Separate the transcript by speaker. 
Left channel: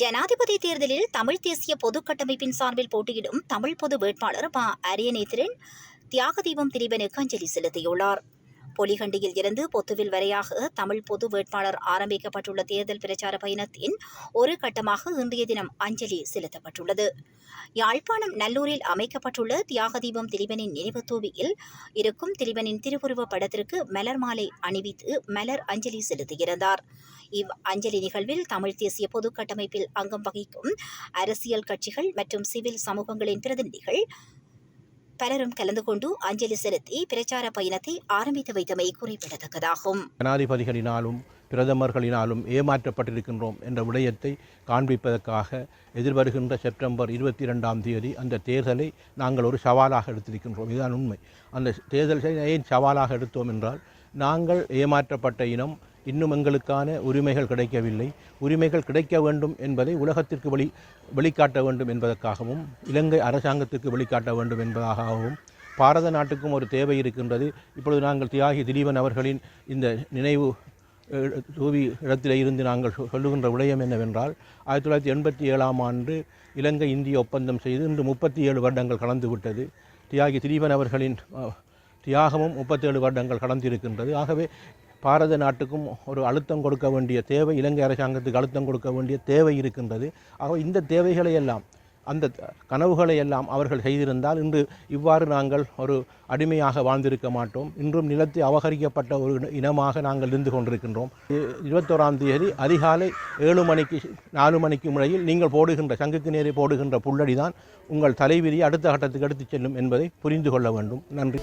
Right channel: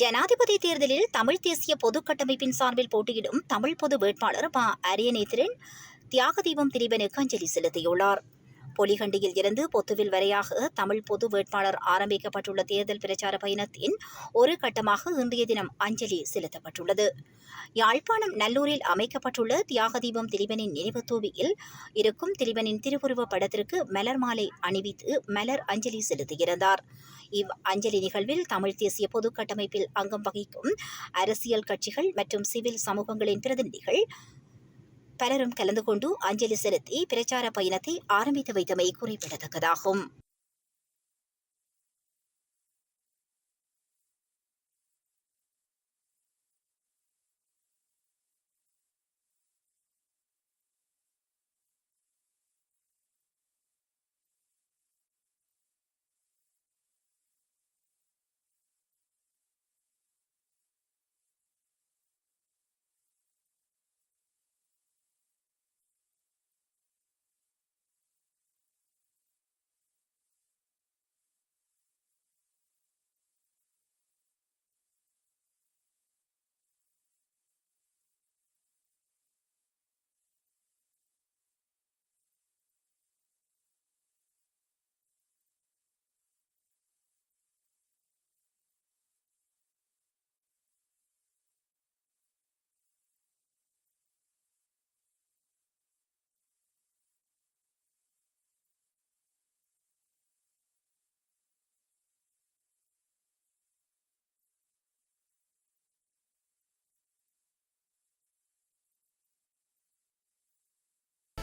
Speaker 1: ஜனாதிபதி தேர்தலில் தமிழ் தேசிய பொது கட்டமைப்பின் சார்பில் போட்டியிடும் தமிழ் பொது வேட்பாளர் ப அரியநேத்திரன் தியாகதீபம் திலீபனுக்கு அஞ்சலி செலுத்தியுள்ளார். பொலிகண்டியில் இருந்து பொத்துவில் வரையாக தமிழ் பொது வேட்பாளர் ஆரம்பிக்கப்பட்டுள்ள தேர்தல் பிரச்சார பயணத்தின் ஒரு கட்டமாக இன்றைய தினம் அஞ்சலி செலுத்தப்பட்டுள்ளது. யாழ்ப்பாணம் நல்லூரில் அமைக்கப்பட்டுள்ள தியாகதீபம் திலீபனின் நினைவு தூவியில் இருக்கும் திலீபனின் திருவுருவப் படத்திற்கு மலர் மாலை அணிவித்து மலர் அஞ்சலி செலுத்துகிறார். இவ் அஞ்சலி நிகழ்வில் தமிழ் தேசிய பொது கட்டமைப்பில் அங்கம் வகிக்கும் அரசியல் கட்சிகள் மற்றும் சிவில் சமூகங்களின் பிரதிநிதிகள் பலரும் கலந்து கொண்டு அஞ்சலி செலுத்தி பிரச்சார பயணத்தை ஆரம்பித்து வைத்தமை குறிப்பிடத்தக்கதாகும்.
Speaker 2: ஜனாதிபதிகளினாலும் பிரதமர்களினாலும் ஏமாற்றப்பட்டிருக்கின்றோம் என்ற விடயத்தை காண்பிப்பதற்காக எதிர்வருகின்ற செப்டம்பர் இருபத்தி ரெண்டாம் தேதி அந்த தேர்தலை நாங்கள் ஒரு சவாலாக எடுத்திருக்கின்றோம். இதுதான் உண்மை. அந்த தேர்தலை ஏன் சவாலாக எடுத்தோம் என்றால் நாங்கள் ஏமாற்றப்பட்ட இனம் இன்னும் எங்களுக்கான உரிமைகள் கிடைக்கவில்லை. உரிமைகள் கிடைக்க வேண்டும் என்பதை உலகத்திற்கு வெளி வெளிக்காட்ட வேண்டும் என்பதற்காகவும் இலங்கை அரசாங்கத்திற்கு வெளிக்காட்ட வேண்டும் என்பதாகவும் பாரத நாட்டுக்கும் ஒரு தேவை இருக்கின்றது. இப்பொழுது நாங்கள் தியாகி திலீபன் அவர்களின் இந்த நினைவு தூவி இடத்திலே இருந்து நாங்கள் சொ- சொல்லுகின்ற விடயம் என்னவென்றால் ஆயிரத்தி தொள்ளாயிரத்தி எண்பத்தி ஏழாம் ஆண்டு இலங்கை இந்திய ஒப்பந்தம் செய்து இன்று முப்பத்தி ஏழு வருடங்கள் கடந்து விட்டது. தியாகி திலீபன் அவர்களின் தியாகமும் முப்பத்தேழு வருடங்கள் கடந்திருக்கின்றது. ஆகவே பாரத நாட்டுக்கும் ஒரு அழுத்தம் கொடுக்க வேண்டிய தேவை இலங்கை அரசாங்கத்துக்கு அழுத்தம் கொடுக்க வேண்டிய தேவை இருக்கின்றது. ஆக இந்த தேவைகளை எல்லாம் அந்த கனவுகளை எல்லாம் அவர்கள் செய்திருந்தால் இன்று இவ்வாறு நாங்கள் ஒரு அடிமையாக வாழ்ந்திருக்க மாட்டோம். இன்றும் நிலத்தை அபகரிக்கப்பட்ட ஒரு இன- இனமாக நாங்கள் இருந்து கொண்டிருக்கின்றோம். இருபத்தோராம் தேதி அதிகாலை ஏழு மணிக்கு நாலு மணிக்கு முறையில் நீங்கள் போடுகின்ற சங்குக்கு நேரே போடுகின்ற புல்லடி தான் உங்கள் தலைவிதி அடுத்த கட்டத்துக்கு எடுத்துச் செல்லும் என்பதை புரிந்து கொள்ள வேண்டும். நன்றி.